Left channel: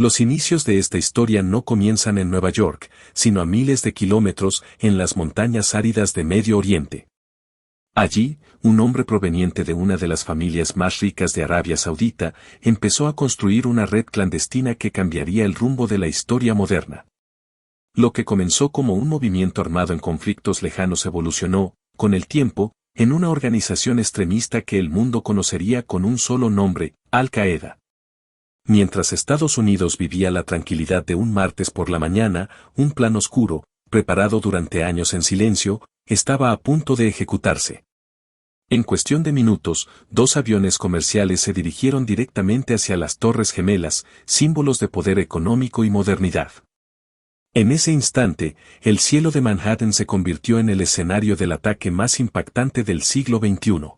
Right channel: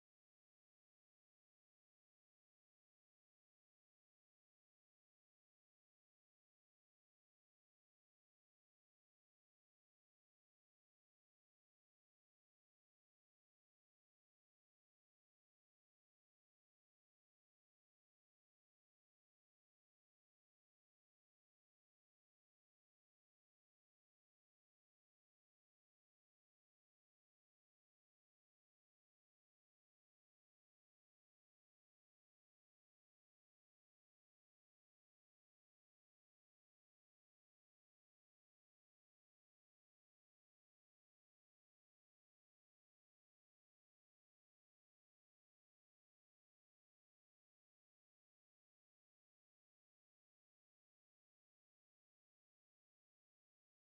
Los inicios de esta historia no comienzan en Nueva York, sino a miles de kilómetros en las montañas áridas de Medio Oriente. Allí, un hombre proveniente de una de las familias más ricas de Arabia Saudita empezó a construir una red clandestina que cambiaría el rumbo de la historia moderna. Lo que comenzó como un movimiento armado en conflictos lejanos evolucionó, con el tiempo, en una organización extremista que el mundo conocería con un solo nombre, Al-Qaeda. Mientras Estados Unidos vivía la tranquilidad de un martes por la mañana, un plan oscuro, preparado durante años en silencio, estaba a punto de ejecutarse. En cuestión de minutos, 2 aviones comerciales se dirigieron directamente hacia las Torres Gemelas, símbolos de poder económico y modernidad. En ese instante, el cielo de Manhattan se convirtió en el escenario del ataque más impactante del siglo XXI.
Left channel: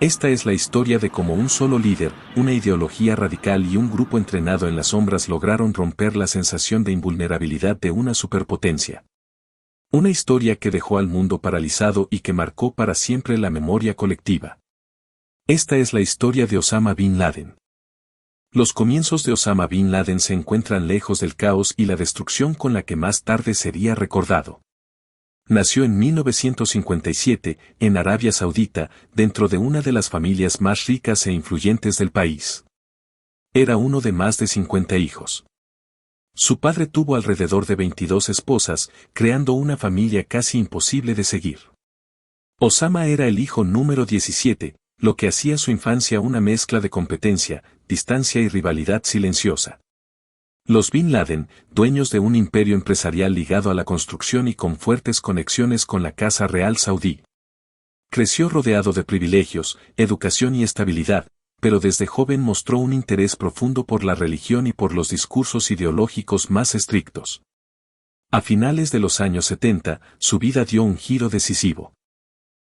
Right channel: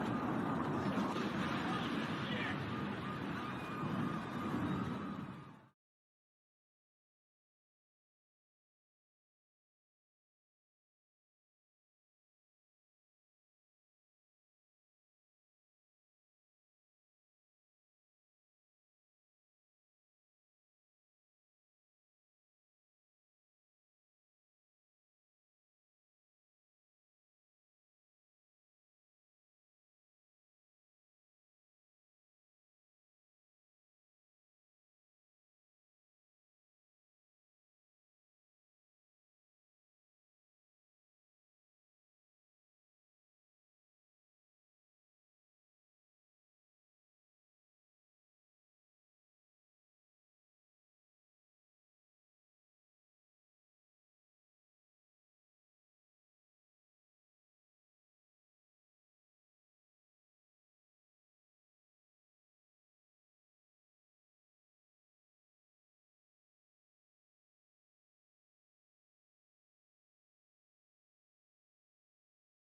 Esta es la historia de cómo un solo líder, una ideología radical y un grupo entrenado en las sombras lograron romper la sensación de invulnerabilidad de una superpotencia. Una historia que dejó al mundo paralizado y que marcó para siempre la memoria colectiva. Esta es la historia de Osama Bin Laden. Los comienzos de Osama Bin Laden se encuentran lejos del caos y la destrucción con la que más tarde sería recordado. Nació en 1957, en Arabia Saudita, dentro de una de las familias más ricas e influyentes del país. Era uno de más de 50 hijos. Su padre tuvo alrededor de 22 esposas, creando una familia casi imposible de seguir. Osama era el hijo número 17, lo que hacía su infancia una mezcla de competencia, distancia y rivalidad silenciosa. Los Bin Laden, dueños de un imperio empresarial ligado a la construcción y con fuertes conexiones con la Casa Real Saudí. Creció rodeado de privilegios, educación y estabilidad, pero desde joven mostró un interés profundo por la religión y por los discursos ideológicos más estrictos. A finales de los años 70, su vida dio un giro decisivo.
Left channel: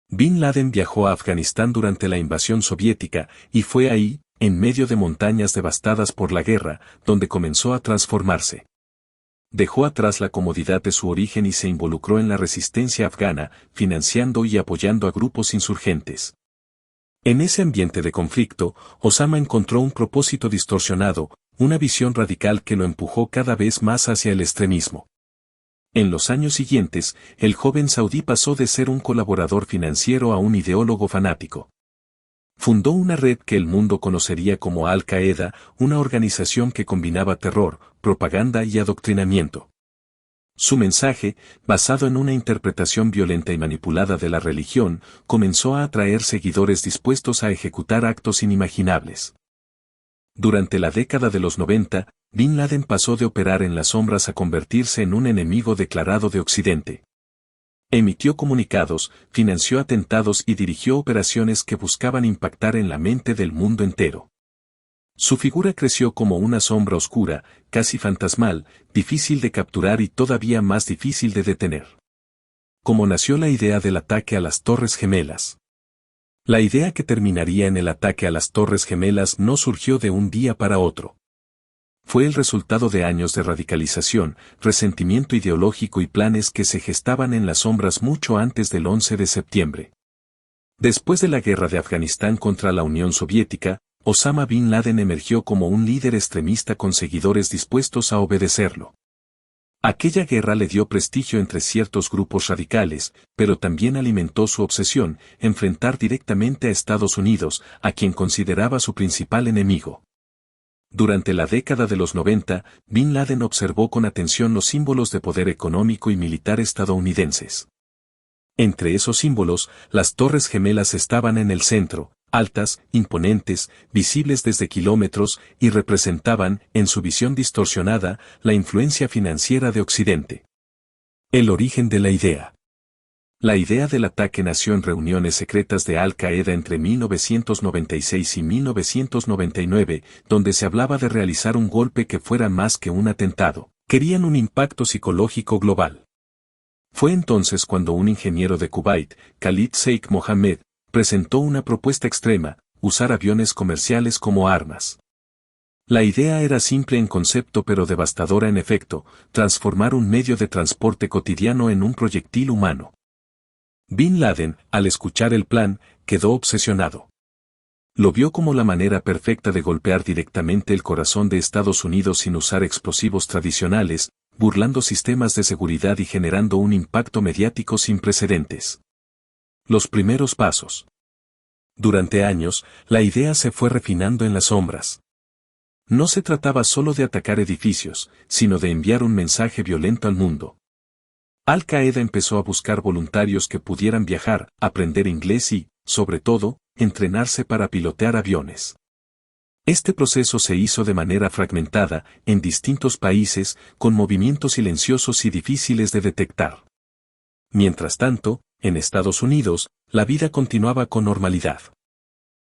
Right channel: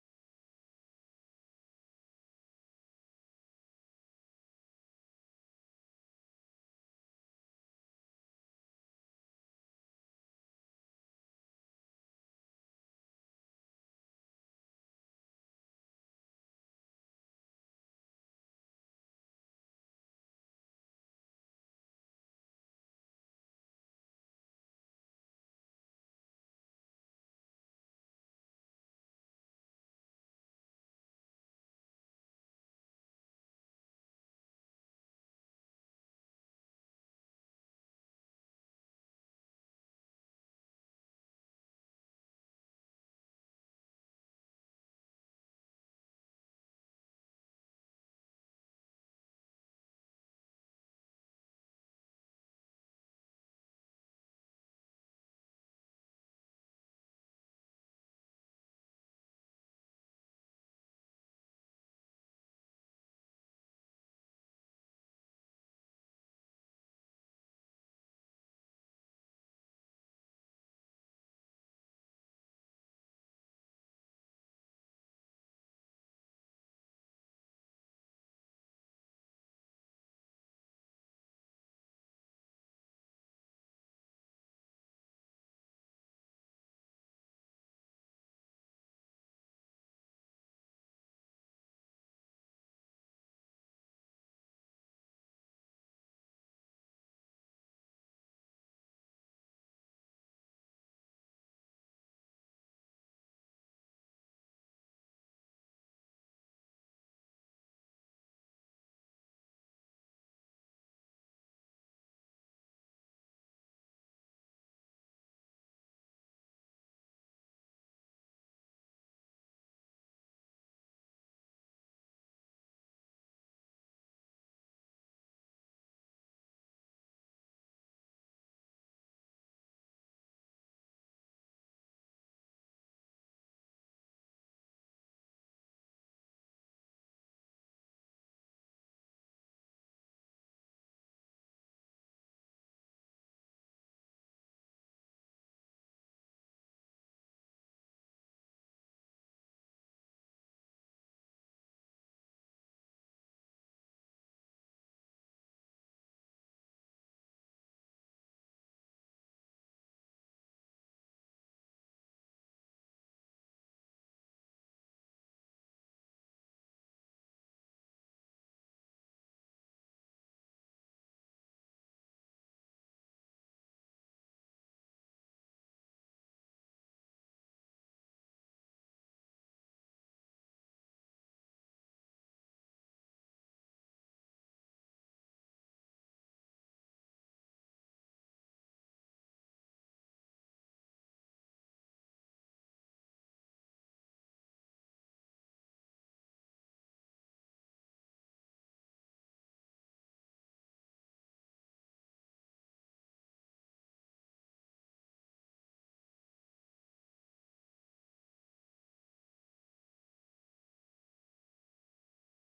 Bin Laden viajó a Afganistán durante la invasión soviética, y fue ahí, en medio de montañas devastadas por la guerra, donde comenzó a transformarse. Dejó atrás la comodidad de su origen y se involucró en la resistencia afgana, financiando y apoyando a grupos insurgentes. En ese ambiente de conflicto, Osama encontró un propósito distorsionado, una visión radical que lo empujó cada vez más hacia el extremismo. En los años siguientes, el joven saudí pasó de ser un colaborador financiero a un ideólogo fanático. Fundó una red que el mundo conocería como Al-Qaeda, una organización que combinaba terror, propaganda y adoctrinamiento. Su mensaje, basado en una interpretación violenta y manipulada de la religión, comenzó a atraer seguidores dispuestos a ejecutar actos inimaginables. Durante la década de los 90, Bin Laden pasó de operar en las sombras a convertirse en un enemigo declarado de Occidente. Emitió comunicados, financió atentados y dirigió operaciones que buscaban impactar en la mente del mundo entero. Su figura creció como una sombra oscura, casi fantasmal, difícil de capturar y todavía más difícil de detener. Como nació la idea del ataque a las Torres Gemelas. La idea que terminaría en el ataque a las Torres Gemelas no surgió de un día para otro. Fue el resultado de años de radicalización, resentimiento ideológico y planes que se gestaban en las sombras mucho antes del 11 de septiembre. Después de la guerra de Afganistán contra la Unión Soviética, Osama Bin Laden emergió como un líder extremista con seguidores dispuestos a obedecerlo. Aquella guerra le dio prestigio entre ciertos grupos radicales, pero también alimentó su obsesión, enfrentar directamente a Estados Unidos, a quien consideraba su principal enemigo. Durante la década de los 90, Bin Laden observó con atención los símbolos de poder económico y militar estadounidenses. Entre esos símbolos, las Torres Gemelas estaban en el centro, altas, imponentes, visibles desde kilómetros, y representaban, en su visión distorsionada, la influencia financiera de Occidente. El origen de la idea. La idea del ataque nació en reuniones secretas de Al-Qaeda entre 1996 y 1999, donde se hablaba de realizar un golpe que fuera más que un atentado. Querían un impacto psicológico global. Fue entonces cuando un ingeniero de Kuwait, Khalid Sheikh Mohammed, presentó una propuesta extrema: usar aviones comerciales como armas. La idea era simple en concepto pero devastadora en efecto: transformar un medio de transporte cotidiano en un proyectil humano. Bin Laden, al escuchar el plan, quedó obsesionado. Lo vio como la manera perfecta de golpear directamente el corazón de Estados Unidos sin usar explosivos tradicionales, burlando sistemas de seguridad y generando un impacto mediático sin precedentes. Los primeros pasos. Durante años, la idea se fue refinando en las sombras. No se trataba solo de atacar edificios, sino de enviar un mensaje violento al mundo. Al-Qaeda empezó a buscar voluntarios que pudieran viajar, aprender inglés y, sobre todo, entrenarse para pilotear aviones. Este proceso se hizo de manera fragmentada, en distintos países, con movimientos silenciosos y difíciles de detectar. Mientras tanto, en Estados Unidos, la vida continuaba con normalidad.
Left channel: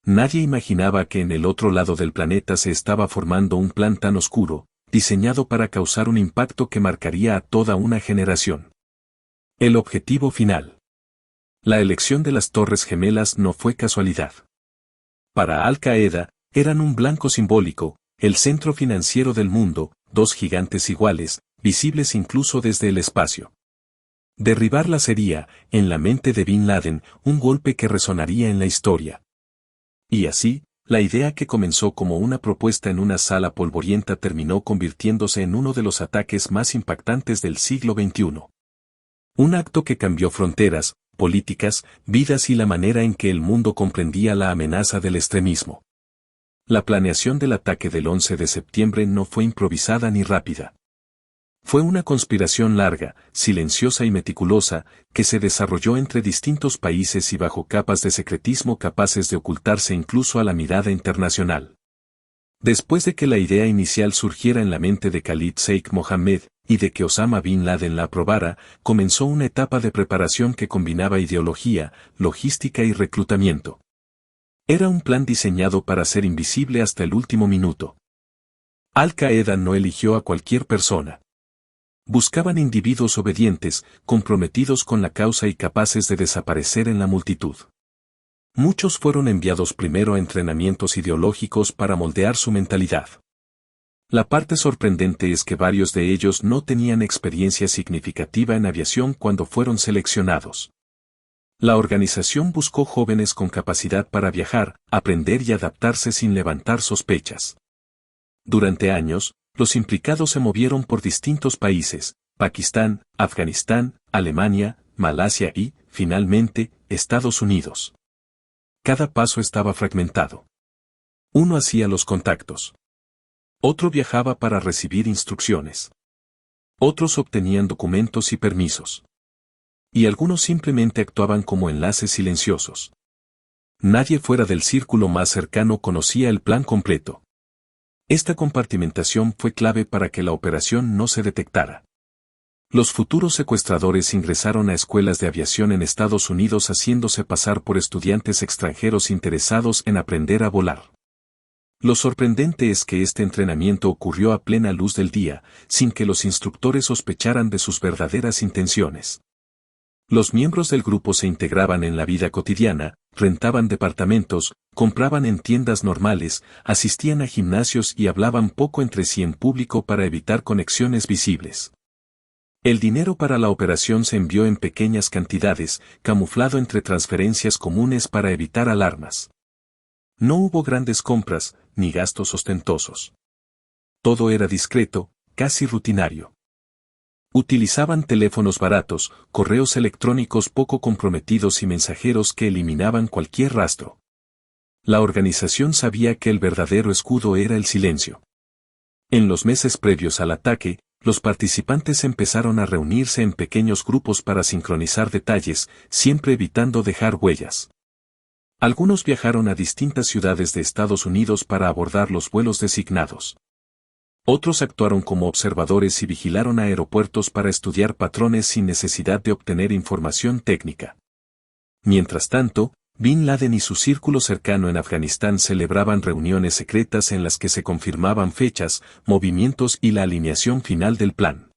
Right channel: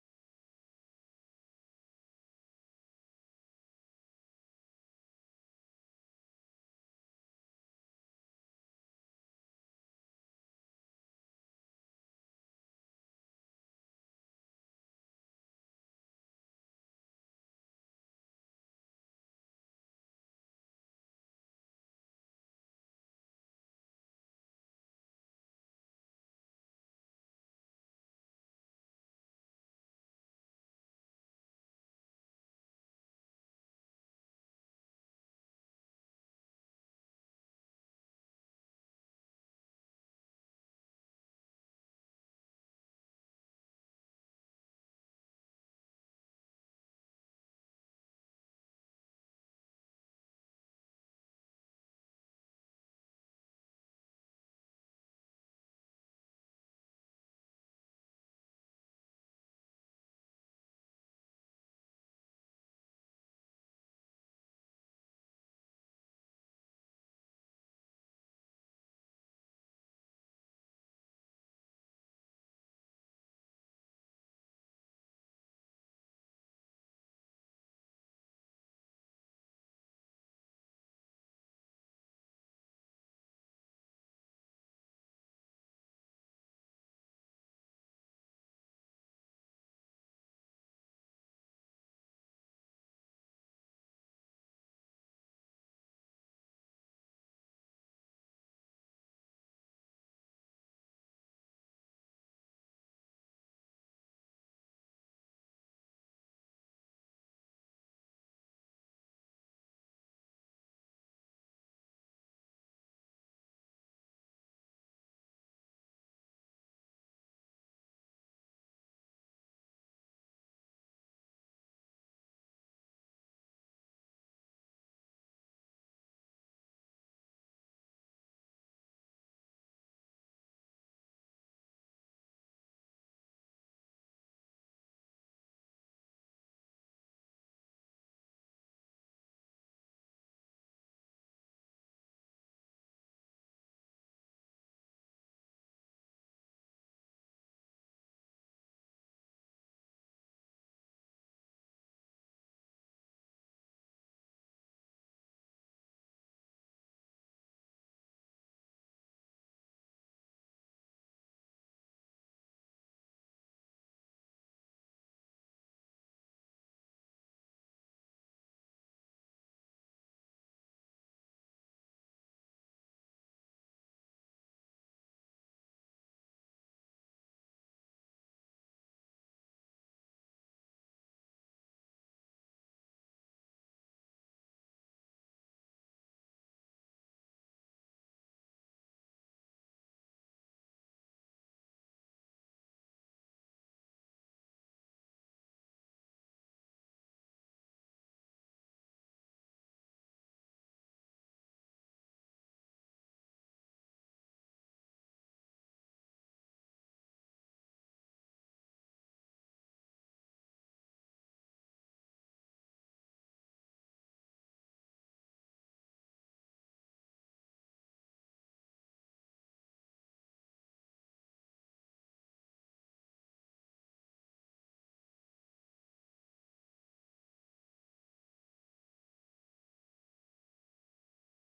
Nadie imaginaba que en el otro lado del planeta se estaba formando un plan tan oscuro, diseñado para causar un impacto que marcaría a toda una generación. El objetivo final. La elección de las Torres Gemelas no fue casualidad. Para Al-Qaeda, eran un blanco simbólico, el centro financiero del mundo, dos gigantes iguales, visibles incluso desde el espacio. Derribarla sería, en la mente de Bin Laden, un golpe que resonaría en la historia. Y así, la idea que comenzó como una propuesta en una sala polvorienta terminó convirtiéndose en uno de los ataques más impactantes del siglo XXI. Un acto que cambió fronteras, políticas, vidas y la manera en que el mundo comprendía la amenaza del extremismo. La planeación del ataque del 11 de septiembre no fue improvisada ni rápida. Fue una conspiración larga, silenciosa y meticulosa, que se desarrolló entre distintos países y bajo capas de secretismo capaces de ocultarse incluso a la mirada internacional. Después de que la idea inicial surgiera en la mente de Khalid Sheikh Mohammed, y de que Osama Bin Laden la aprobara, comenzó una etapa de preparación que combinaba ideología, logística y reclutamiento. Era un plan diseñado para ser invisible hasta el último minuto. Al-Qaeda no eligió a cualquier persona. Buscaban individuos obedientes, comprometidos con la causa y capaces de desaparecer en la multitud. Muchos fueron enviados primero a entrenamientos ideológicos para moldear su mentalidad. La parte sorprendente es que varios de ellos no tenían experiencia significativa en aviación cuando fueron seleccionados. La organización buscó jóvenes con capacidad para viajar, aprender y adaptarse sin levantar sospechas. Durante años, los implicados se movieron por distintos países, Pakistán, Afganistán, Alemania, Malasia y, finalmente, Estados Unidos. Cada paso estaba fragmentado. Uno hacía los contactos. Otro viajaba para recibir instrucciones. Otros obtenían documentos y permisos. Y algunos simplemente actuaban como enlaces silenciosos. Nadie fuera del círculo más cercano conocía el plan completo. Esta compartimentación fue clave para que la operación no se detectara. Los futuros secuestradores ingresaron a escuelas de aviación en Estados Unidos haciéndose pasar por estudiantes extranjeros interesados en aprender a volar. Lo sorprendente es que este entrenamiento ocurrió a plena luz del día, sin que los instructores sospecharan de sus verdaderas intenciones. Los miembros del grupo se integraban en la vida cotidiana, rentaban departamentos, compraban en tiendas normales, asistían a gimnasios y hablaban poco entre sí en público para evitar conexiones visibles. El dinero para la operación se envió en pequeñas cantidades, camuflado entre transferencias comunes para evitar alarmas. No hubo grandes compras, ni gastos ostentosos. Todo era discreto, casi rutinario. Utilizaban teléfonos baratos, correos electrónicos poco comprometidos y mensajeros que eliminaban cualquier rastro. La organización sabía que el verdadero escudo era el silencio. En los meses previos al ataque, los participantes empezaron a reunirse en pequeños grupos para sincronizar detalles, siempre evitando dejar huellas. Algunos viajaron a distintas ciudades de Estados Unidos para abordar los vuelos designados. Otros actuaron como observadores y vigilaron aeropuertos para estudiar patrones sin necesidad de obtener información técnica. Mientras tanto, Bin Laden y su círculo cercano en Afganistán celebraban reuniones secretas en las que se confirmaban fechas, movimientos y la alineación final del plan.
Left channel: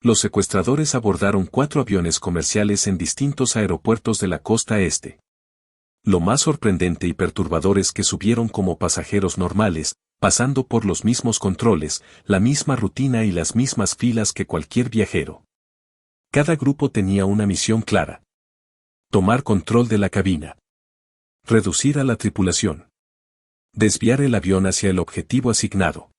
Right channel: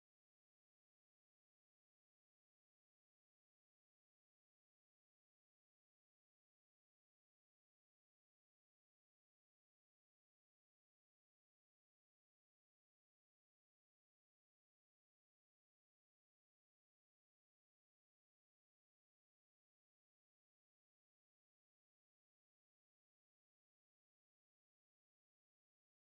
Los secuestradores abordaron 4 aviones comerciales en distintos aeropuertos de la costa este. Lo más sorprendente y perturbador es que subieron como pasajeros normales, pasando por los mismos controles, la misma rutina y las mismas filas que cualquier viajero. Cada grupo tenía una misión clara. Tomar control de la cabina. Reducir a la tripulación. Desviar el avión hacia el objetivo asignado.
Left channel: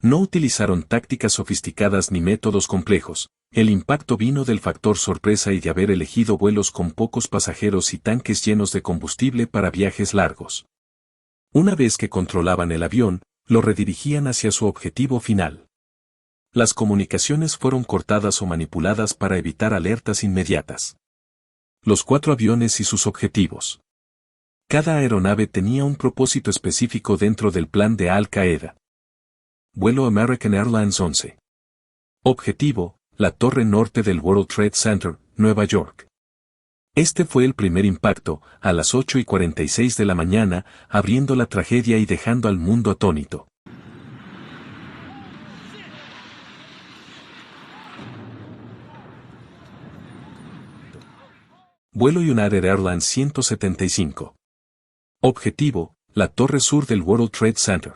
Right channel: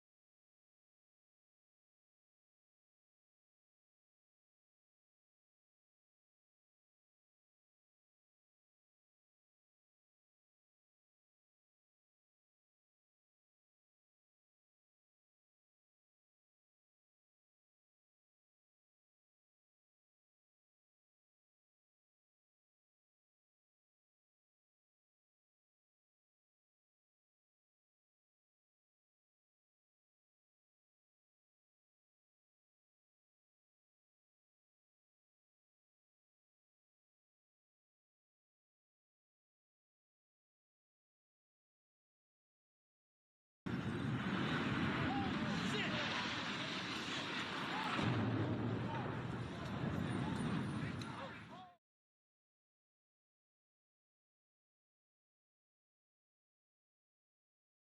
No utilizaron tácticas sofisticadas ni métodos complejos, el impacto vino del factor sorpresa y de haber elegido vuelos con pocos pasajeros y tanques llenos de combustible para viajes largos. Una vez que controlaban el avión, lo redirigían hacia su objetivo final. Las comunicaciones fueron cortadas o manipuladas para evitar alertas inmediatas. Los 4 aviones y sus objetivos. Cada aeronave tenía un propósito específico dentro del plan de Al Qaeda. Vuelo American Airlines 11. Objetivo, la torre norte del World Trade Center, Nueva York. Este fue el primer impacto, a las 8:46 de la mañana, abriendo la tragedia y dejando al mundo atónito. Vuelo United Airlines 175. Objetivo, la torre sur del World Trade Center.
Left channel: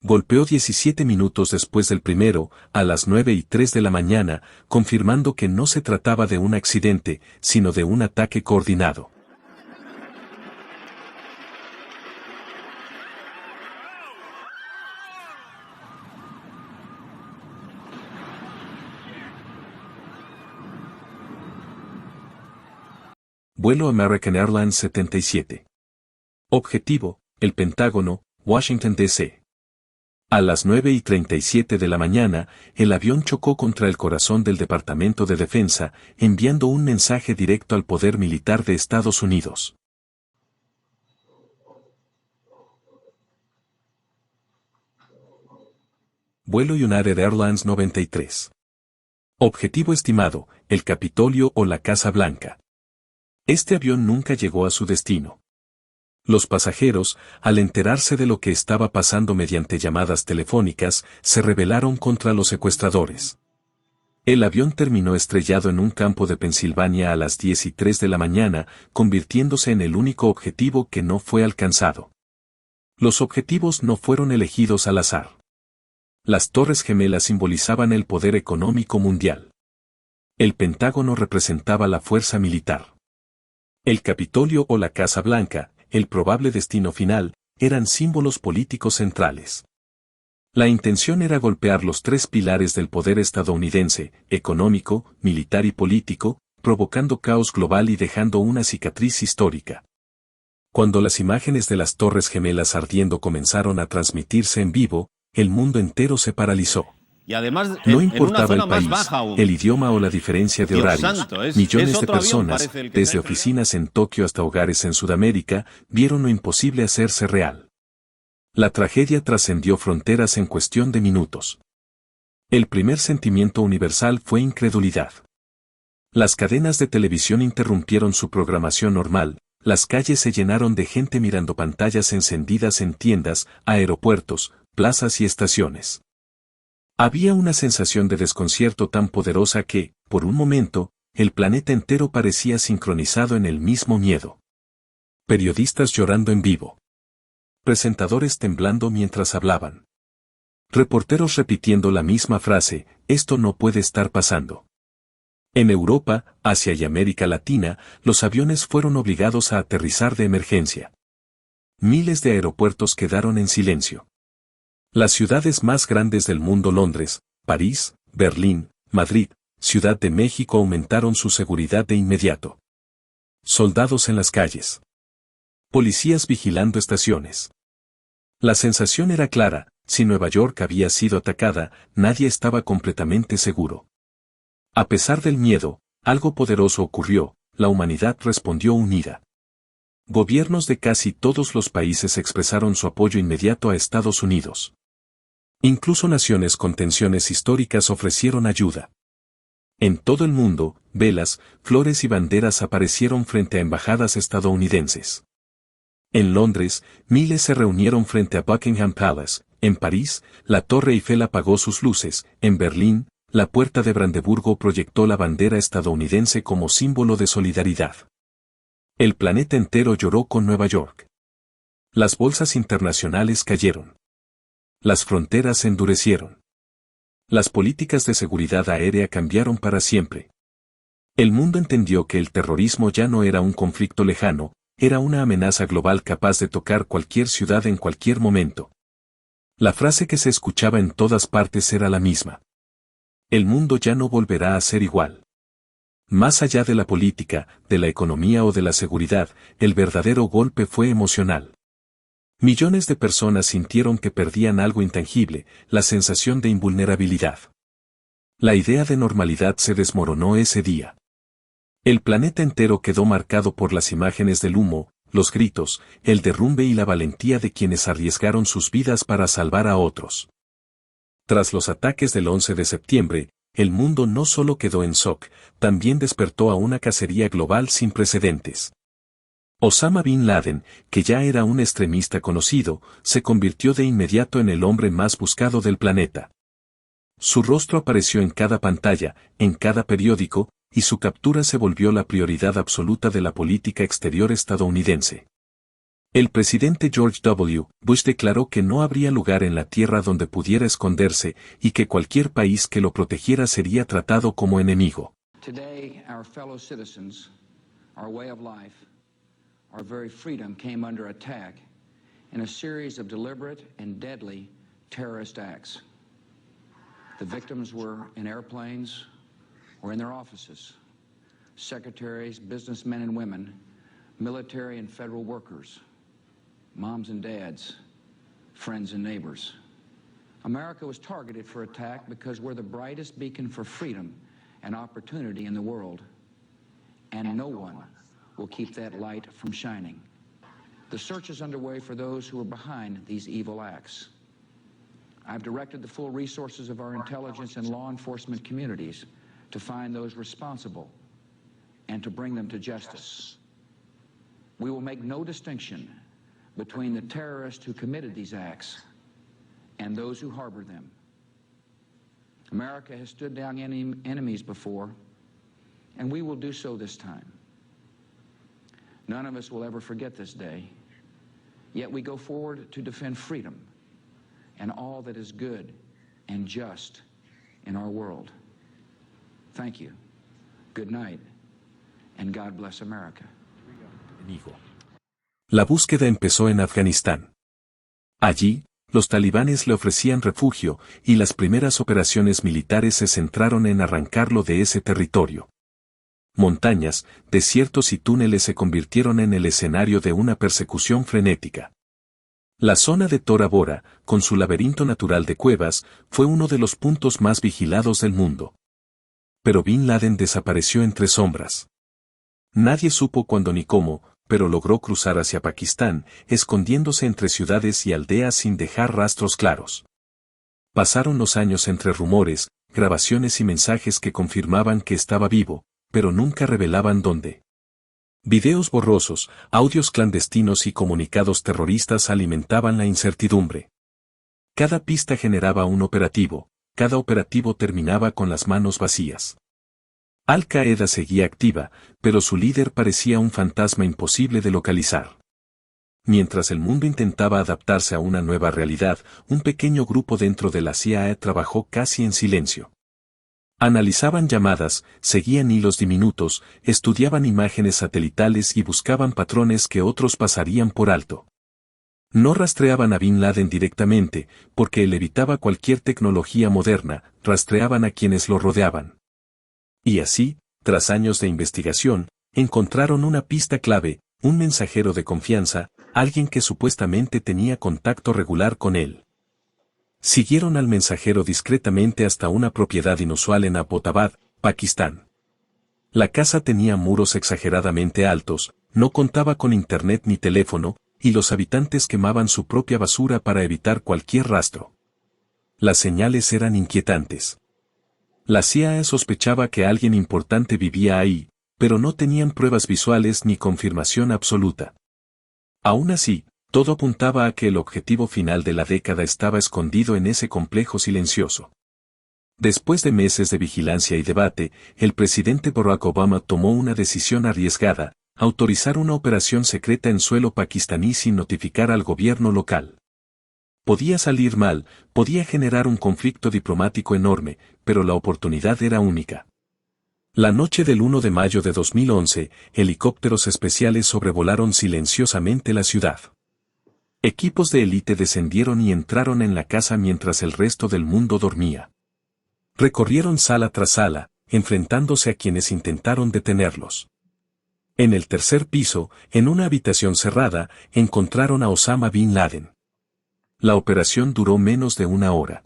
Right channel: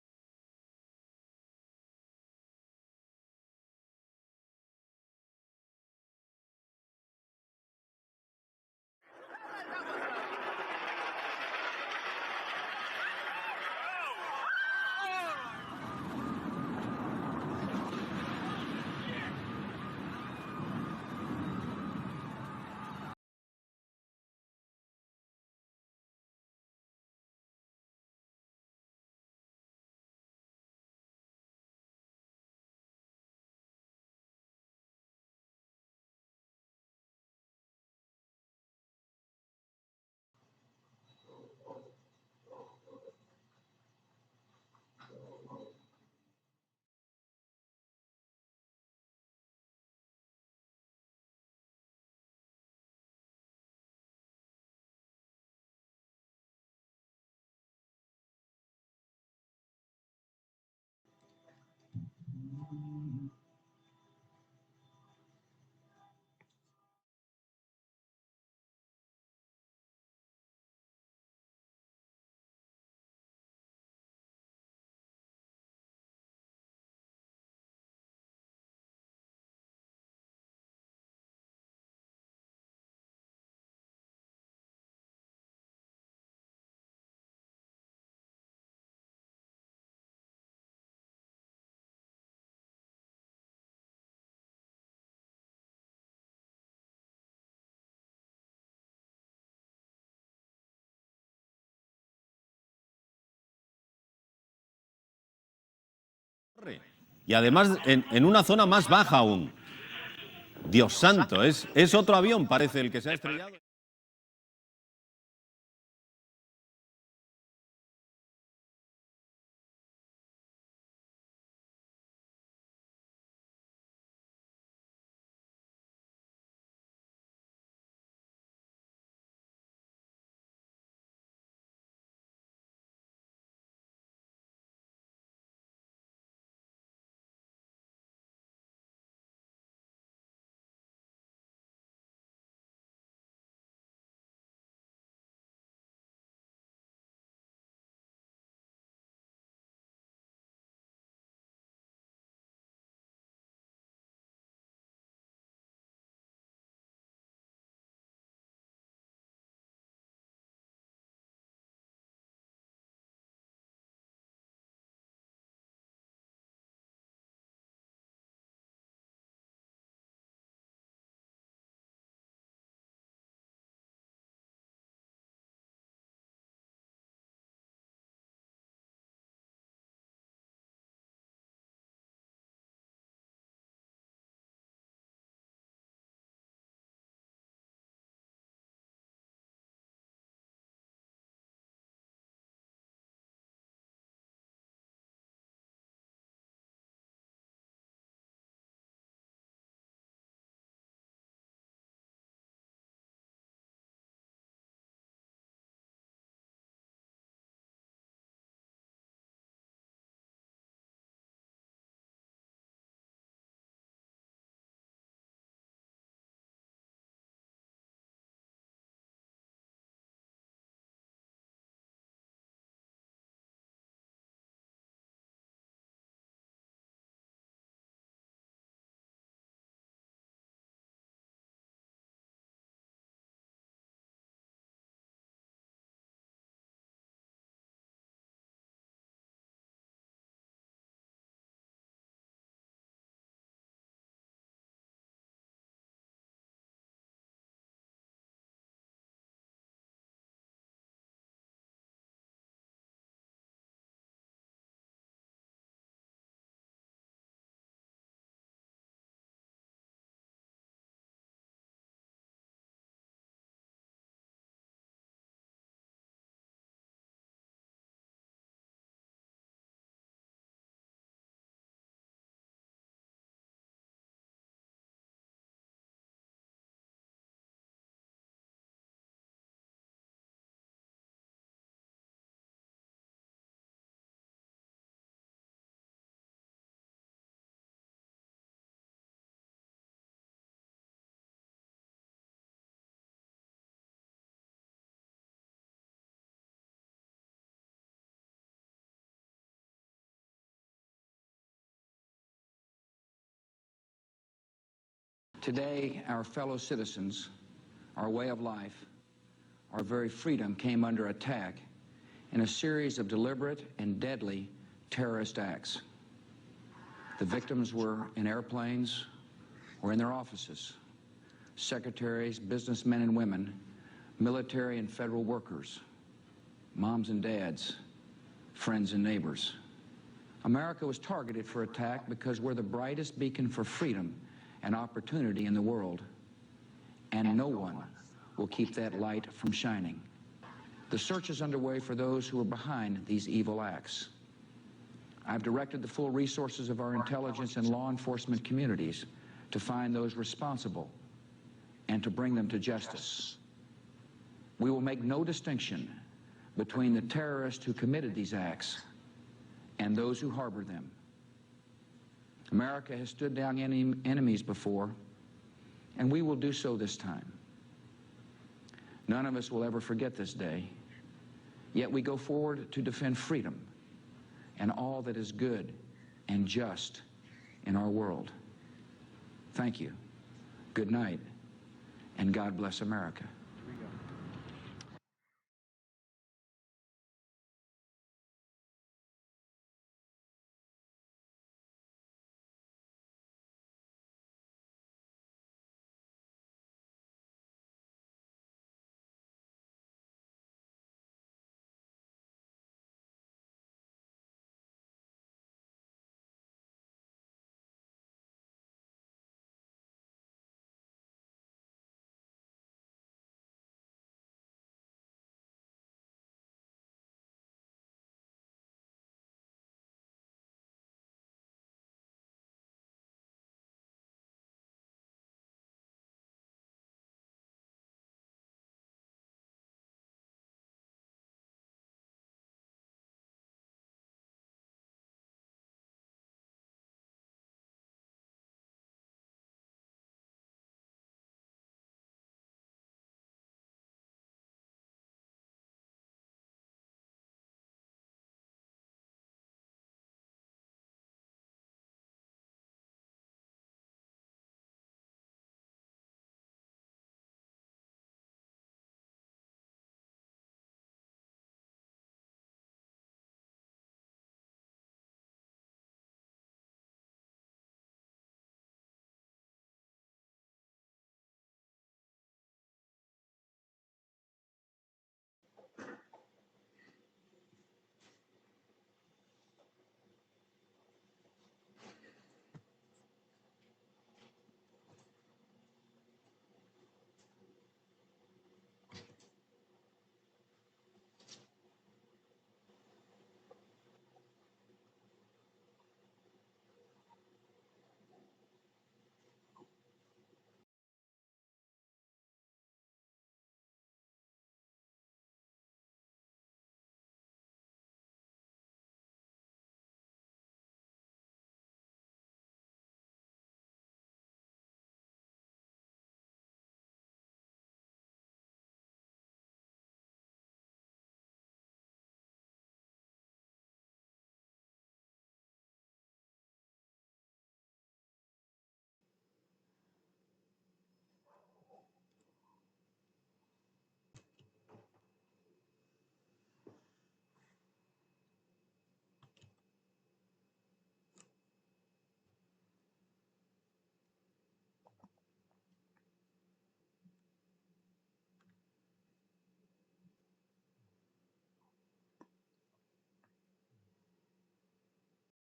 Golpeó 17 minutos después del primero, a las 9:03 de la mañana, confirmando que no se trataba de un accidente, sino de un ataque coordinado. Vuelo American Airlines 77. Objetivo, el Pentágono, Washington, D.C. A las 9:37 de la mañana, el avión chocó contra el corazón del Departamento de Defensa, enviando un mensaje directo al poder militar de Estados Unidos. Vuelo United Airlines 93. Objetivo estimado, el Capitolio o la Casa Blanca. Este avión nunca llegó a su destino. Los pasajeros, al enterarse de lo que estaba pasando mediante llamadas telefónicas, se rebelaron contra los secuestradores. El avión terminó estrellado en un campo de Pensilvania a las 10:03 de la mañana, convirtiéndose en el único objetivo que no fue alcanzado. Los objetivos no fueron elegidos al azar. Las Torres Gemelas simbolizaban el poder económico mundial. El Pentágono representaba la fuerza militar. El Capitolio o la Casa Blanca, el probable destino final, eran símbolos políticos centrales. La intención era golpear los 3 pilares del poder estadounidense, económico, militar y político, provocando caos global y dejando una cicatriz histórica. Cuando las imágenes de las Torres Gemelas ardiendo comenzaron a transmitirse en vivo, el mundo entero se paralizó. Y además No en una zona el más país, baja aún. el idioma o la diferencia de Dios horarios. santo, es Millones otro de avión, personas, parece el que desde se ha oficinas en Tokio hasta hogares en Sudamérica, vieron lo imposible hacerse real. La tragedia trascendió fronteras en cuestión de minutos. El primer sentimiento universal fue incredulidad. Las cadenas de televisión interrumpieron su programación normal, las calles se llenaron de gente mirando pantallas encendidas en tiendas, aeropuertos, plazas y estaciones. Había una sensación de desconcierto tan poderosa que, por un momento, el planeta entero parecía sincronizado en el mismo miedo. Periodistas llorando en vivo. Presentadores temblando mientras hablaban. Reporteros repitiendo la misma frase, esto no puede estar pasando. En Europa, Asia y América Latina, los aviones fueron obligados a aterrizar de emergencia. Miles de aeropuertos quedaron en silencio. Las ciudades más grandes del mundo, Londres, París, Berlín, Madrid, Ciudad de México, aumentaron su seguridad de inmediato. Soldados en las calles. Policías vigilando estaciones. La sensación era clara, si Nueva York había sido atacada, nadie estaba completamente seguro. A pesar del miedo, algo poderoso ocurrió, la humanidad respondió unida. Gobiernos de casi todos los países expresaron su apoyo inmediato a Estados Unidos. Incluso naciones con tensiones históricas ofrecieron ayuda. En todo el mundo, velas, flores y banderas aparecieron frente a embajadas estadounidenses. En Londres, miles se reunieron frente a Buckingham Palace. En París, la Torre Eiffel apagó sus luces. En Berlín, la Puerta de Brandeburgo proyectó la bandera estadounidense como símbolo de solidaridad. El planeta entero lloró con Nueva York. Las bolsas internacionales cayeron. Las fronteras se endurecieron. Las políticas de seguridad aérea cambiaron para siempre. El mundo entendió que el terrorismo ya no era un conflicto lejano, era una amenaza global capaz de tocar cualquier ciudad en cualquier momento. La frase que se escuchaba en todas partes era la misma. El mundo ya no volverá a ser igual. Más allá de la política, de la economía o de la seguridad, el verdadero golpe fue emocional. Millones de personas sintieron que perdían algo intangible, la sensación de invulnerabilidad. La idea de normalidad se desmoronó ese día. El planeta entero quedó marcado por las imágenes del humo, los gritos, el derrumbe y la valentía de quienes arriesgaron sus vidas para salvar a otros. Tras los ataques del 11 de septiembre, el mundo no solo quedó en shock, también despertó a una cacería global sin precedentes. Osama Bin Laden, que ya era un extremista conocido, se convirtió de inmediato en el hombre más buscado del planeta. Su rostro apareció en cada pantalla, en cada periódico, y su captura se volvió la prioridad absoluta de la política exterior estadounidense. El presidente George W. Bush declaró que no habría lugar en la tierra donde pudiera esconderse y que cualquier país que lo protegiera sería tratado como enemigo. Today, our fellow citizens, our way of life, our very freedom came under attack in a series of deliberate and deadly terrorist acts. The victims were in airplanes or in their offices. Secretaries, businessmen and women, military and federal workers, moms and dads, friends and neighbors. America was targeted for attack because we're the brightest beacon for freedom and opportunity in the world, and no one will keep that light from shining. The search is underway for those who are behind these evil acts. I've directed the full resources of our intelligence and law enforcement communities to find those responsible and to bring them to justice. We will make no distinction between the terrorists who committed these acts and those who harbor them. America has stood down enemies before, and we will do so this time. None of us will ever forget this day, yet we go forward to defend freedom and all that is good and just in our world. Thank you. Good night, and God bless America. La búsqueda empezó en Afganistán. Allí, los talibanes le ofrecían refugio, y las primeras operaciones militares se centraron en arrancarlo de ese territorio. Montañas, desiertos y túneles se convirtieron en el escenario de una persecución frenética. La zona de Tora Bora, con su laberinto natural de cuevas, fue uno de los puntos más vigilados del mundo. Pero Bin Laden desapareció entre sombras. Nadie supo cuándo ni cómo, pero logró cruzar hacia Pakistán, escondiéndose entre ciudades y aldeas sin dejar rastros claros. Pasaron los años entre rumores, grabaciones y mensajes que confirmaban que estaba vivo, pero nunca revelaban dónde. Videos borrosos, audios clandestinos y comunicados terroristas alimentaban la incertidumbre. Cada pista generaba un operativo, cada operativo terminaba con las manos vacías. Al-Qaeda seguía activa, pero su líder parecía un fantasma imposible de localizar. Mientras el mundo intentaba adaptarse a una nueva realidad, un pequeño grupo dentro de la CIA trabajó casi en silencio. Analizaban llamadas, seguían hilos diminutos, estudiaban imágenes satelitales y buscaban patrones que otros pasarían por alto. No rastreaban a Bin Laden directamente, porque él evitaba cualquier tecnología moderna, rastreaban a quienes lo rodeaban. Y así, tras años de investigación, encontraron una pista clave, un mensajero de confianza, alguien que supuestamente tenía contacto regular con él. Siguieron al mensajero discretamente hasta una propiedad inusual en Abbottabad, Pakistán. La casa tenía muros exageradamente altos, no contaba con internet ni teléfono, y los habitantes quemaban su propia basura para evitar cualquier rastro. Las señales eran inquietantes. La CIA sospechaba que alguien importante vivía ahí, pero no tenían pruebas visuales ni confirmación absoluta. Aún así, todo apuntaba a que el objetivo final de la década estaba escondido en ese complejo silencioso. Después de meses de vigilancia y debate, el presidente Barack Obama tomó una decisión arriesgada: autorizar una operación secreta en suelo pakistaní sin notificar al gobierno local. Podía salir mal, podía generar un conflicto diplomático enorme, pero la oportunidad era única. La noche del 1 de mayo de 2011, helicópteros especiales sobrevolaron silenciosamente la ciudad. Equipos de élite descendieron y entraron en la casa mientras el resto del mundo dormía. Recorrieron sala tras sala, enfrentándose a quienes intentaron detenerlos. En el tercer piso, en una habitación cerrada, encontraron a Osama Bin Laden. La operación duró menos de una hora.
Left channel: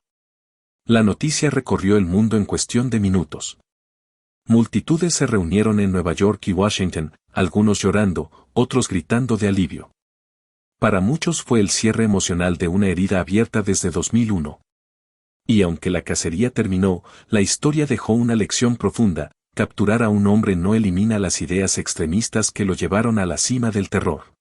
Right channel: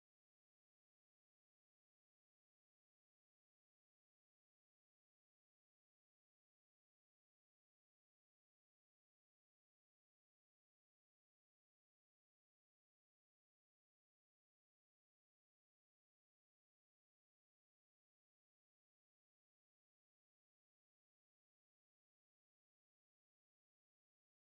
La noticia recorrió el mundo en cuestión de minutos. Multitudes se reunieron en Nueva York y Washington, algunos llorando, otros gritando de alivio. Para muchos fue el cierre emocional de una herida abierta desde 2001. Y aunque la cacería terminó, la historia dejó una lección profunda: capturar a un hombre no elimina las ideas extremistas que lo llevaron a la cima del terror.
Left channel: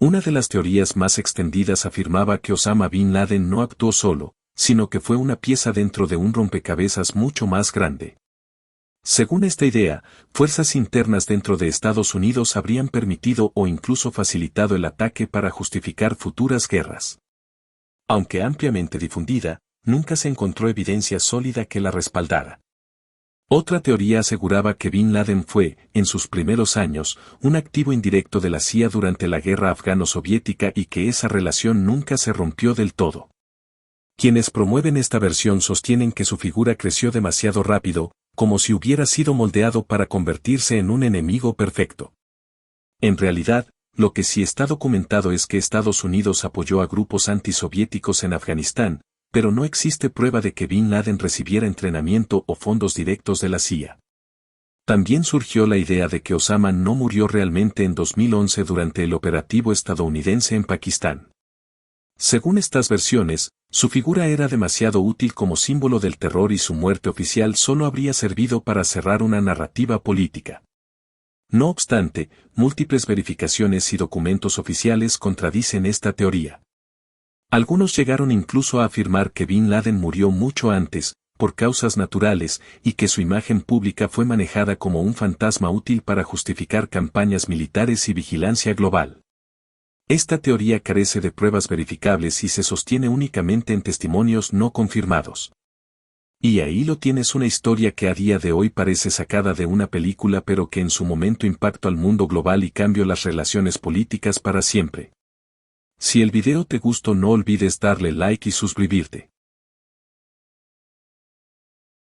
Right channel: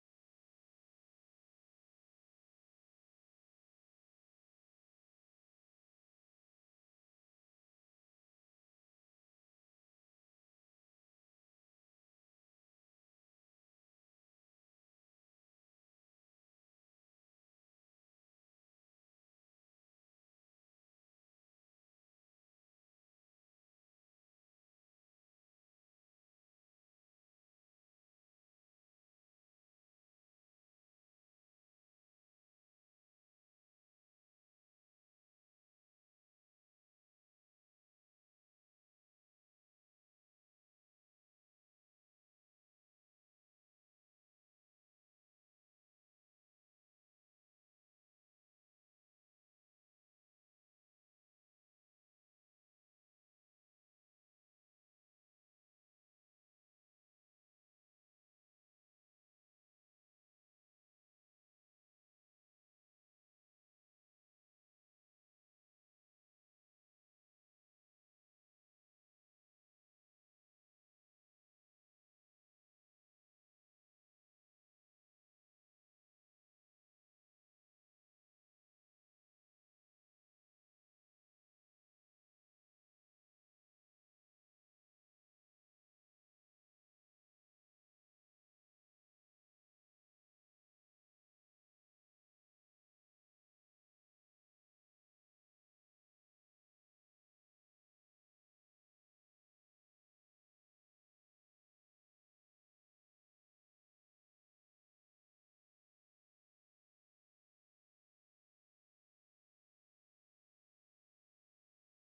Una de las teorías más extendidas afirmaba que Osama Bin Laden no actuó solo, sino que fue una pieza dentro de un rompecabezas mucho más grande. Según esta idea, fuerzas internas dentro de Estados Unidos habrían permitido o incluso facilitado el ataque para justificar futuras guerras. Aunque ampliamente difundida, nunca se encontró evidencia sólida que la respaldara. Otra teoría aseguraba que Bin Laden fue, en sus primeros años, un activo indirecto de la CIA durante la guerra afgano-soviética y que esa relación nunca se rompió del todo. Quienes promueven esta versión sostienen que su figura creció demasiado rápido, como si hubiera sido moldeado para convertirse en un enemigo perfecto. En realidad, lo que sí está documentado es que Estados Unidos apoyó a grupos antisoviéticos en Afganistán, pero no existe prueba de que Bin Laden recibiera entrenamiento o fondos directos de la CIA. También surgió la idea de que Osama no murió realmente en 2011 durante el operativo estadounidense en Pakistán. Según estas versiones, su figura era demasiado útil como símbolo del terror y su muerte oficial solo habría servido para cerrar una narrativa política. No obstante, múltiples verificaciones y documentos oficiales contradicen esta teoría. Algunos llegaron incluso a afirmar que Bin Laden murió mucho antes, por causas naturales, y que su imagen pública fue manejada como un fantasma útil para justificar campañas militares y vigilancia global. Esta teoría carece de pruebas verificables y se sostiene únicamente en testimonios no confirmados. Y ahí lo tienes, una historia que a día de hoy parece sacada de una película, pero que en su momento impactó al mundo global y cambió las relaciones políticas para siempre. Si el video te gustó, no olvides darle like y suscribirte.